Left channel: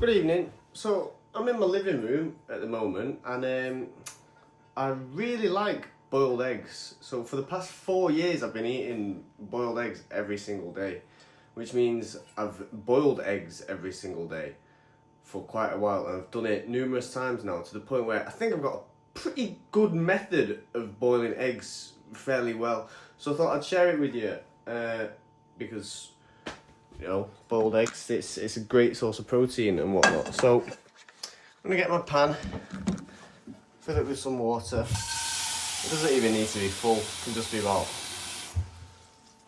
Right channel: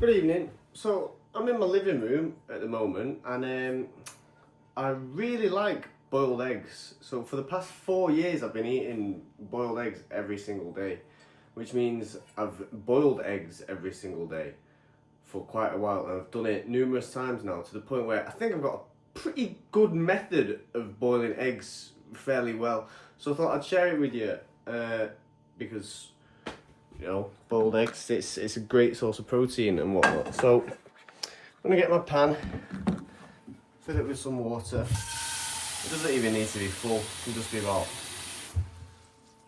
Good evening. So I'm in my living room at the moment, and I really like boiled eggs. So for the past 4 years, I've been eating boiled eggs every single day, which means I've boiled eggs every single day for quite a while, and I've done it numerous times now to the point where I think I've got a pretty good method of boiling eggs fairly well. So I thought I'd share it with you because boiled eggs, it's a great source of protein and whatnot. So I'm gonna get my pan, fill it with some water. It doesn't even need to be full, it can just be about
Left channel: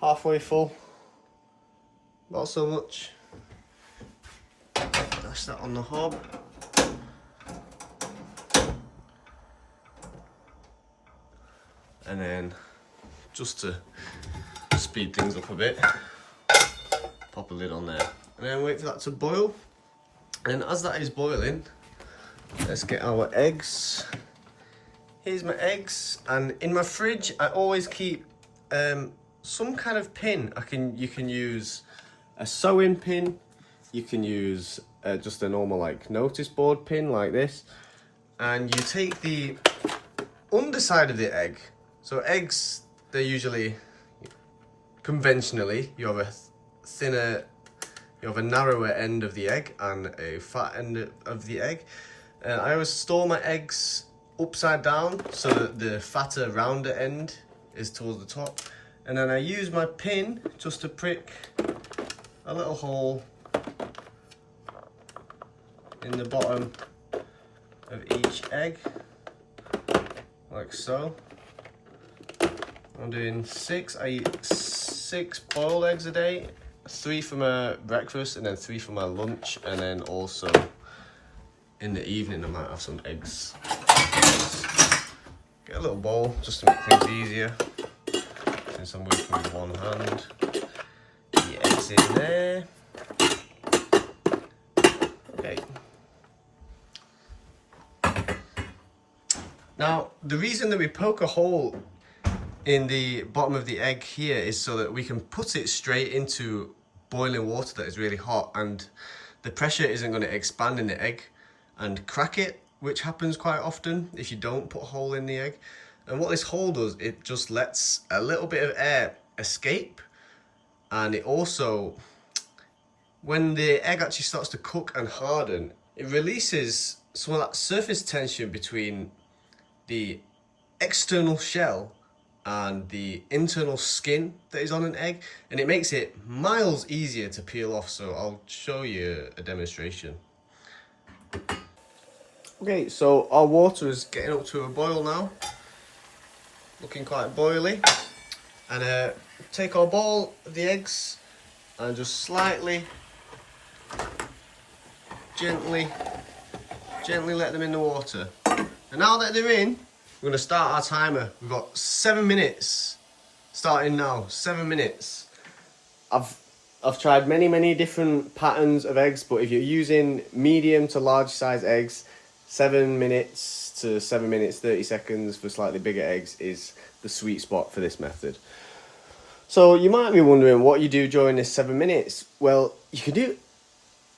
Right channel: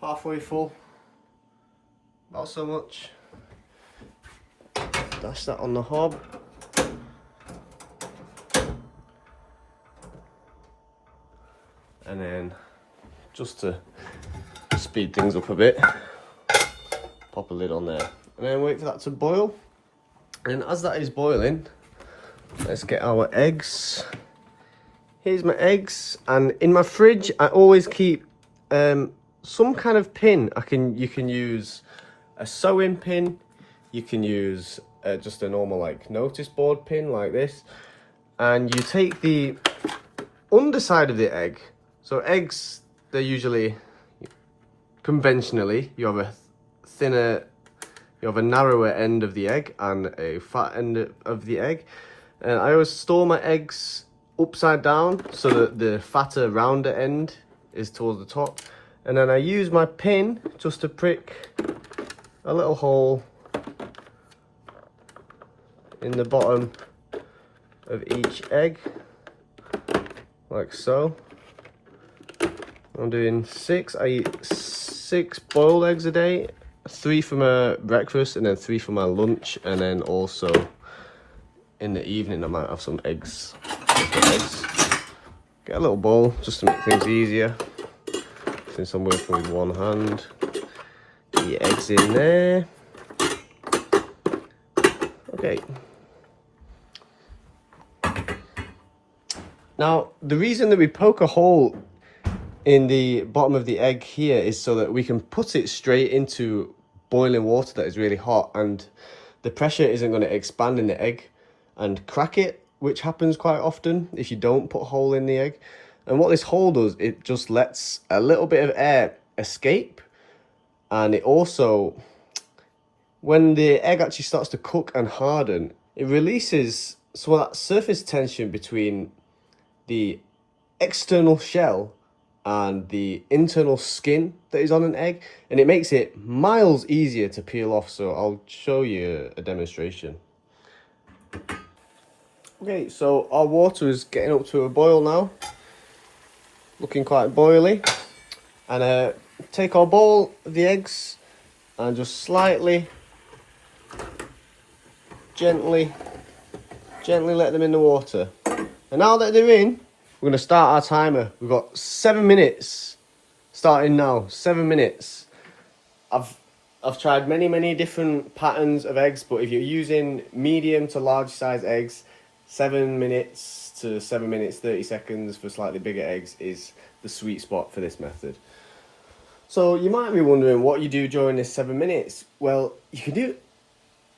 halfway full. Not so much. Dash that on the hob. And then, just to speed things up a bit, pop a lid on there. And then wait for that to boil. And as that is boiling, let's get our eggs. Here's my eggs, and in my fridge I always keep some kind of pin. You can use a sewing pin, you can use just a normal like notice board pin like this, and you take the underside of the egg. So eggs, they're usually conventionally you have a narrower end of the egg and a fat end of the egg. I always store my eggs upside down so that the fatter, rounder end is towards the top. And then I use my pin just to prick a little hole in the bottom of each egg, like so. I'm doing 6. I eat 6 boiled eggs a day, 3 for my breakfast and then 3 for my lunch, and then also in the evening I might have some eggs. Get a little bowl just to make things easier, since I'm working with one hand. Get your eggs in there. Okay. Now, the reason that we poke a hole in the bottom of the egg here is so that we can put it straight into boiling water that is really hot, and the pressure isn't going to expand in the egg and crack it, which happens quite often if you don't put a hole in the egg. And what this hole does, it just lets a little bit of air escape, and it also, when the egg actually starts to cook and harden, it releases some of that surface tension between the external shell and the internal skin that is on an egg, and it makes it miles easier to peel off. So I'll show you a demonstration. Okay, so our water is getting up to a boil now, looking quite boily. And take our bowl of the eggs and just slightly, gently let them in the water. And now that they're in, we're going to start our timer. We've got 7 minutes starting now. 7 minutes. I've tried many different patterns of eggs, but if you're using medium to large size eggs, 7 minutes to 7 minutes 30 seconds for slightly bigger eggs is the sweet spot for this method. So you might be wondering what you do during this 7 minutes. Well, you can do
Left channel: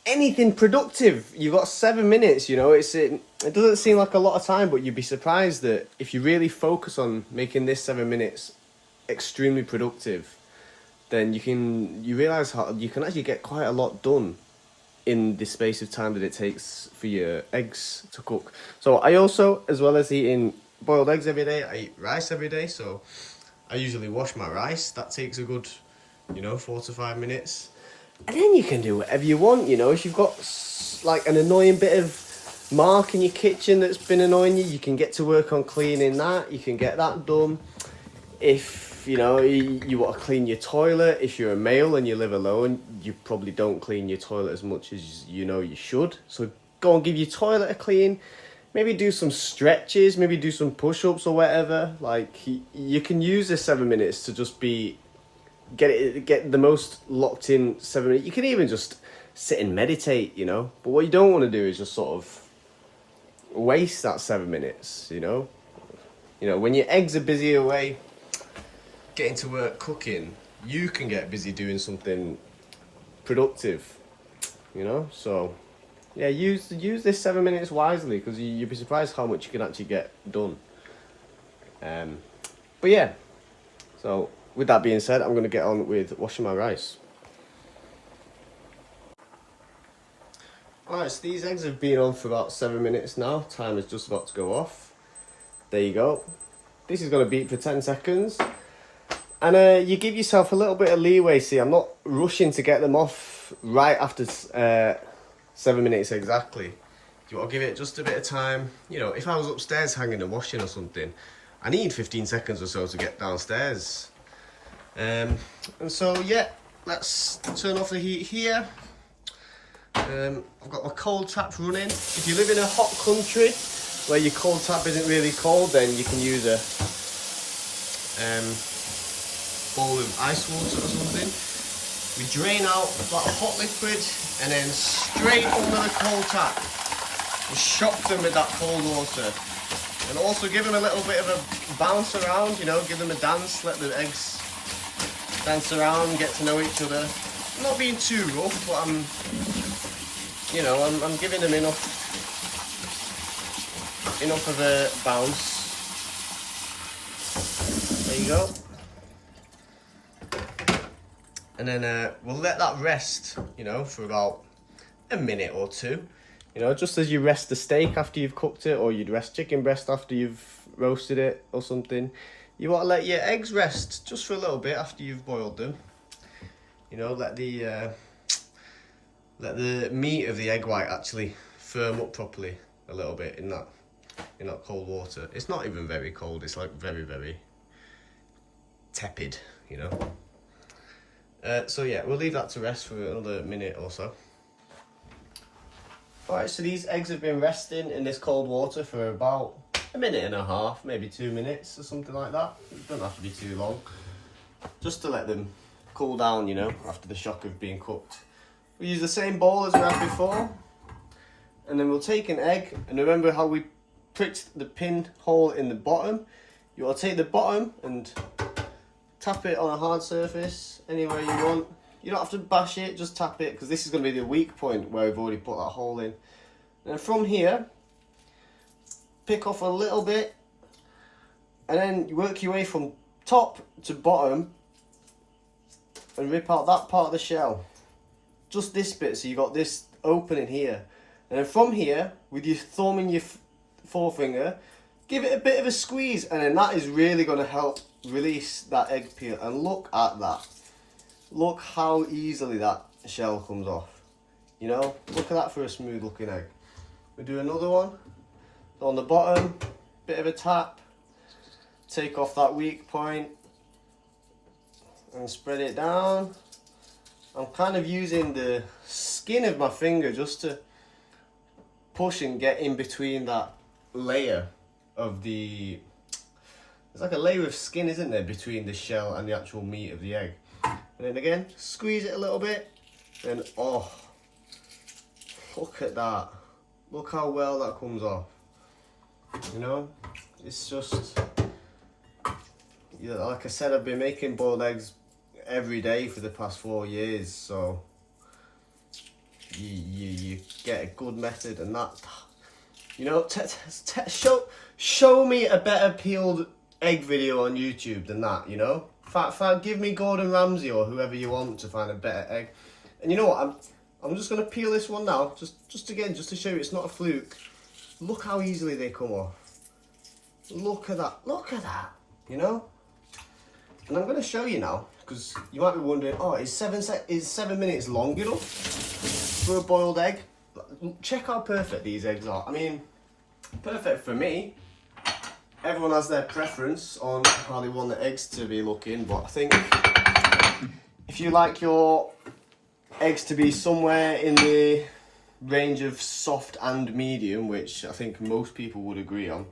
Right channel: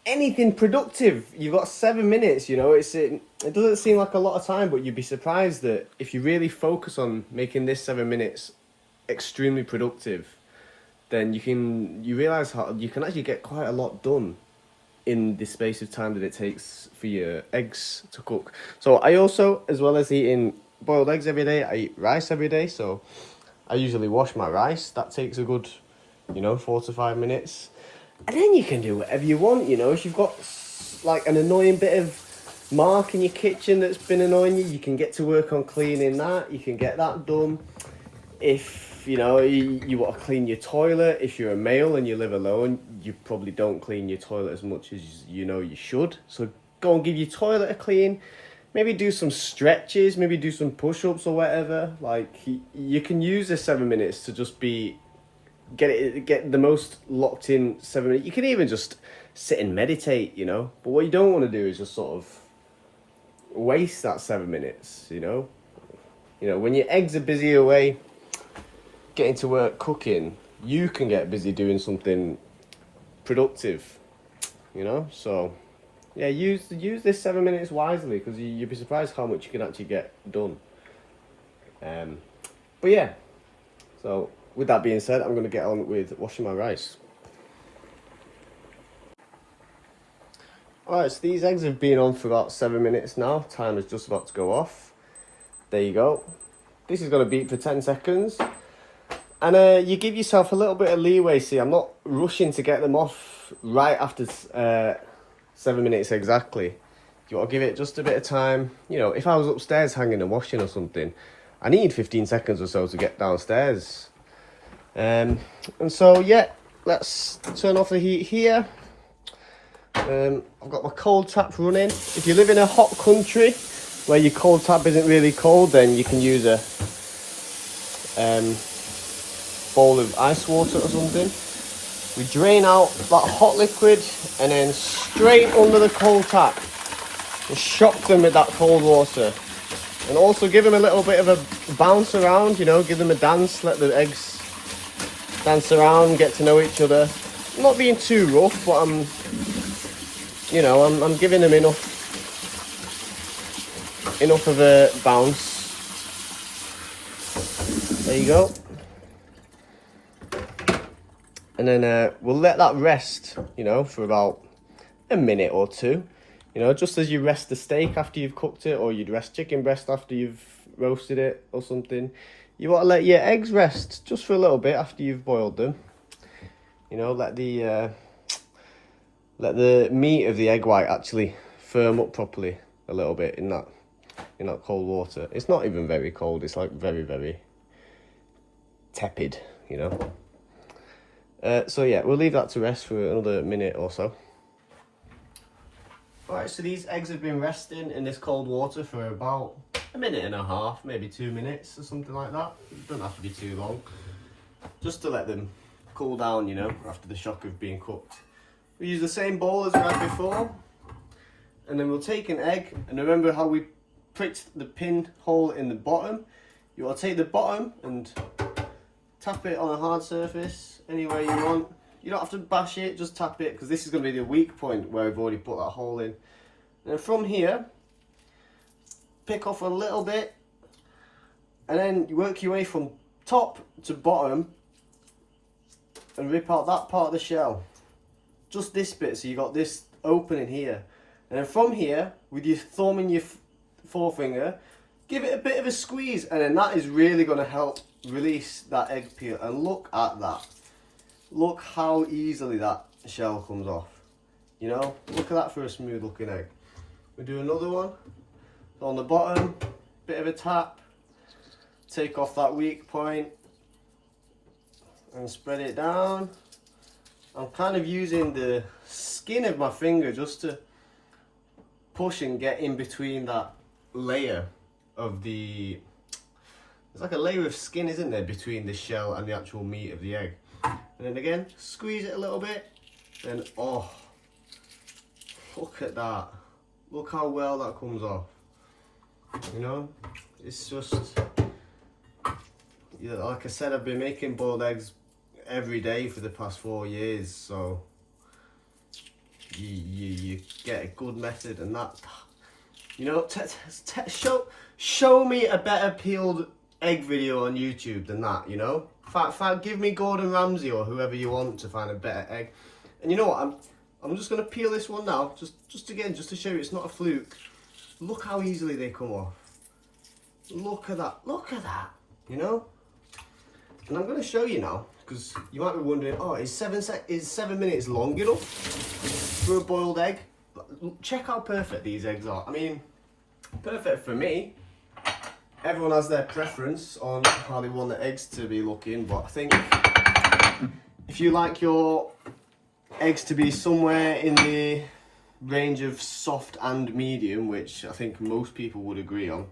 anything productive. You've got 7 minutes, it doesn't seem like a lot of time, but you'd be surprised that if you really focus on making this 7 minutes extremely productive, then you realize how you can actually get quite a lot done in the space of time that it takes for your eggs to cook. So I also, as well as eating boiled eggs every day, I eat rice every day. So I usually wash my rice. That takes a good 4 to 5 minutes. And then you can do whatever you want, if you've got like an annoying bit of mark in your kitchen that's been annoying you can get to work on cleaning that. You can get that done. If, you want to clean your toilet, if you're a male and you live alone, you probably don't clean your toilet as much as you should. So go and give your toilet a clean. Maybe do some stretches, maybe do some push-ups or whatever. Like, you can use the 7 minutes to just get the most locked in 7 minutes. You can even just sit and meditate, but what you don't want to do is just sort of waste that 7 minutes, when your eggs are busy away getting to work cooking, you can get busy doing something productive, so yeah, use this 7 minutes wisely, because you'd be surprised how much you can actually get done. But yeah, so with that being said, I'm going to get on with washing my rice. Alright, so these eggs have been on for about 7 minutes now. Time is just about to go off. There you go. This is going to beat for 10 seconds. And you give yourself a little bit of leeway. See, I'm not rushing to get them off right after 7 minutes exactly. You want to give it just a bit of time. You know, if I was upstairs hanging and washing or something, I need 15 seconds or so to get downstairs. And so, yeah, let's turn off the heat here. I've got my cold tap running. If you live in a hot country where your cold tap isn't really cold, then you can use a bowl of ice water or something. We drain out that hot liquid and then straight under the cold tap. Just shock them with that cold water. And also give them a little bit of a bounce around, you know, give them a dance, let the eggs dance around, get to know each other. I'm not being too rough, but I'm giving them enough of a bounce. There you go. And then we'll let that rest, you know, for about a minute or two. You know, just as you rest the steak after you've cooked it, or you'd rest chicken breast after you've roasted it or something. You want to let your eggs rest just for a little bit after you've boiled them. You know, let the meat of the egg white actually firm up properly a little bit in that cold water. It's not even very cold. It's like very, very tepid, you know. So yeah, we'll leave that to rest for another minute or so. Alright, so these eggs have been resting in this cold water for about a minute and a half, maybe 2 minutes or something like that. It doesn't have to be too long. Just to let them cool down, you know, after the shock of being cooked. We use the same bowl as we had before. And then we'll take an egg, and remember how we pricked the pin hole in the bottom? You want to take the bottom and tap it on a hard surface anywhere you want. You don't have to bash it, just tap it, because this is going to be the weak point where we've already put that hole in. And from here, pick off a little bit, and then you work your way from top to bottom and rip out that part of the shell. Just this bit, so you got this opening here. And then from here, with your thumb and your forefinger, give it a bit of a squeeze, and then that is really going to help release that egg peel. And look at that. Look how easily that shell comes off. You know, look at that for a smooth looking egg. We do another one. So on the bottom, bit of a tap. Take off that weak point and spread it down. I'm kind of using the skin of my finger just to push and get in between that layer of the... There's like a layer of skin, isn't there, between the shell and the actual meat of the egg. And then again, squeeze it a little bit. And oh, look at that. Look how well that comes off. You know, it's just... like I said, I've been making boiled eggs every day for the past 4 years, so you get a good method, and that, you know, show me a better peeled egg video on YouTube than that, you know. Give me Gordon Ramsay or whoever you want to find a better egg. And you know what, I'm just gonna peel this one now, just again, just to show you it's not a fluke. Look how easily they come off. Look at that, you know. And I'm going to show you now, because you might be wondering, oh, is 7 minutes long enough for a boiled egg? Check how perfect these eggs are. I mean, perfect for me. Everyone has their preference on how they want the eggs to be looking, but I think if you like your eggs to be somewhere in the range of soft and medium, which I think most people would agree on,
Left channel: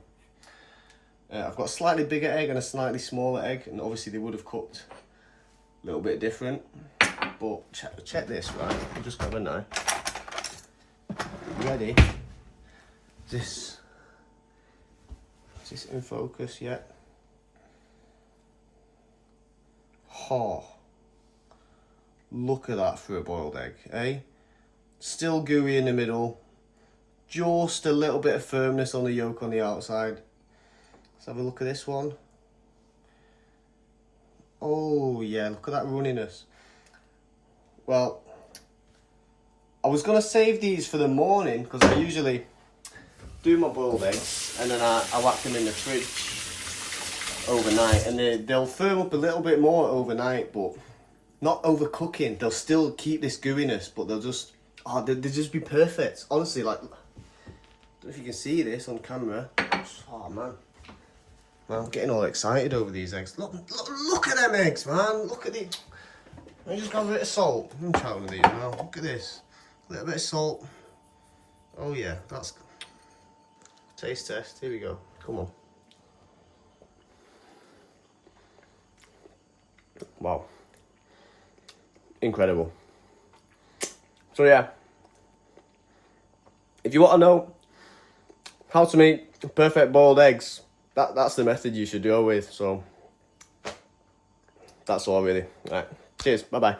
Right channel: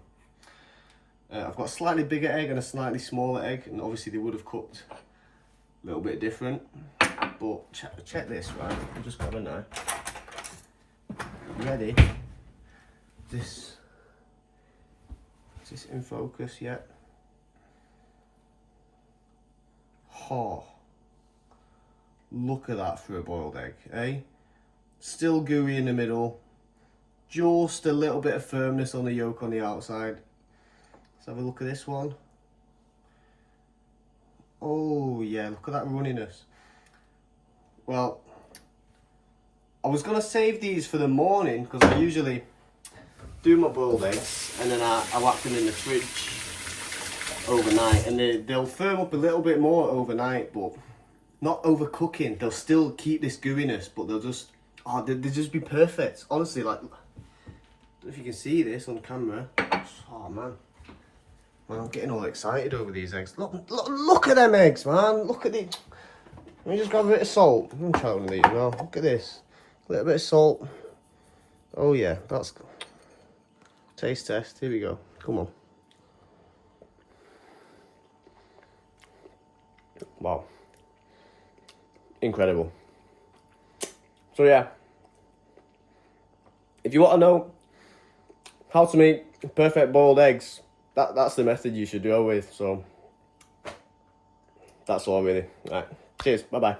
I've got a slightly bigger egg and a slightly smaller egg, and obviously they would have cooked a little bit different. But check this, right? I'll just grab a knife. Ready? Is this in focus yet? Oh, look at that for a boiled egg, eh? Still gooey in the middle, just a little bit of firmness on the yolk on the outside. Let's have a look at this one. Oh yeah, look at that runniness. Well, I was going to save these for the morning because I usually do my boiled eggs and then I whack them in the fridge overnight, and they'll firm up a little bit more overnight, but not overcooking. They'll still keep this gooiness, but they'll just be perfect. Honestly, like, I don't know if you can see this on camera. Oh man, I'm getting all excited over these eggs. Look at them eggs, man. Look at these. Let me just grab a bit of salt. I'm trying one of these now. Look at this. A little bit of salt. Oh yeah, that's taste test. Here we go. Come on. Wow. Incredible. So yeah, if you want to know how to make perfect boiled eggs, that's the method you should go with. So that's all really. All right. Cheers. Bye bye.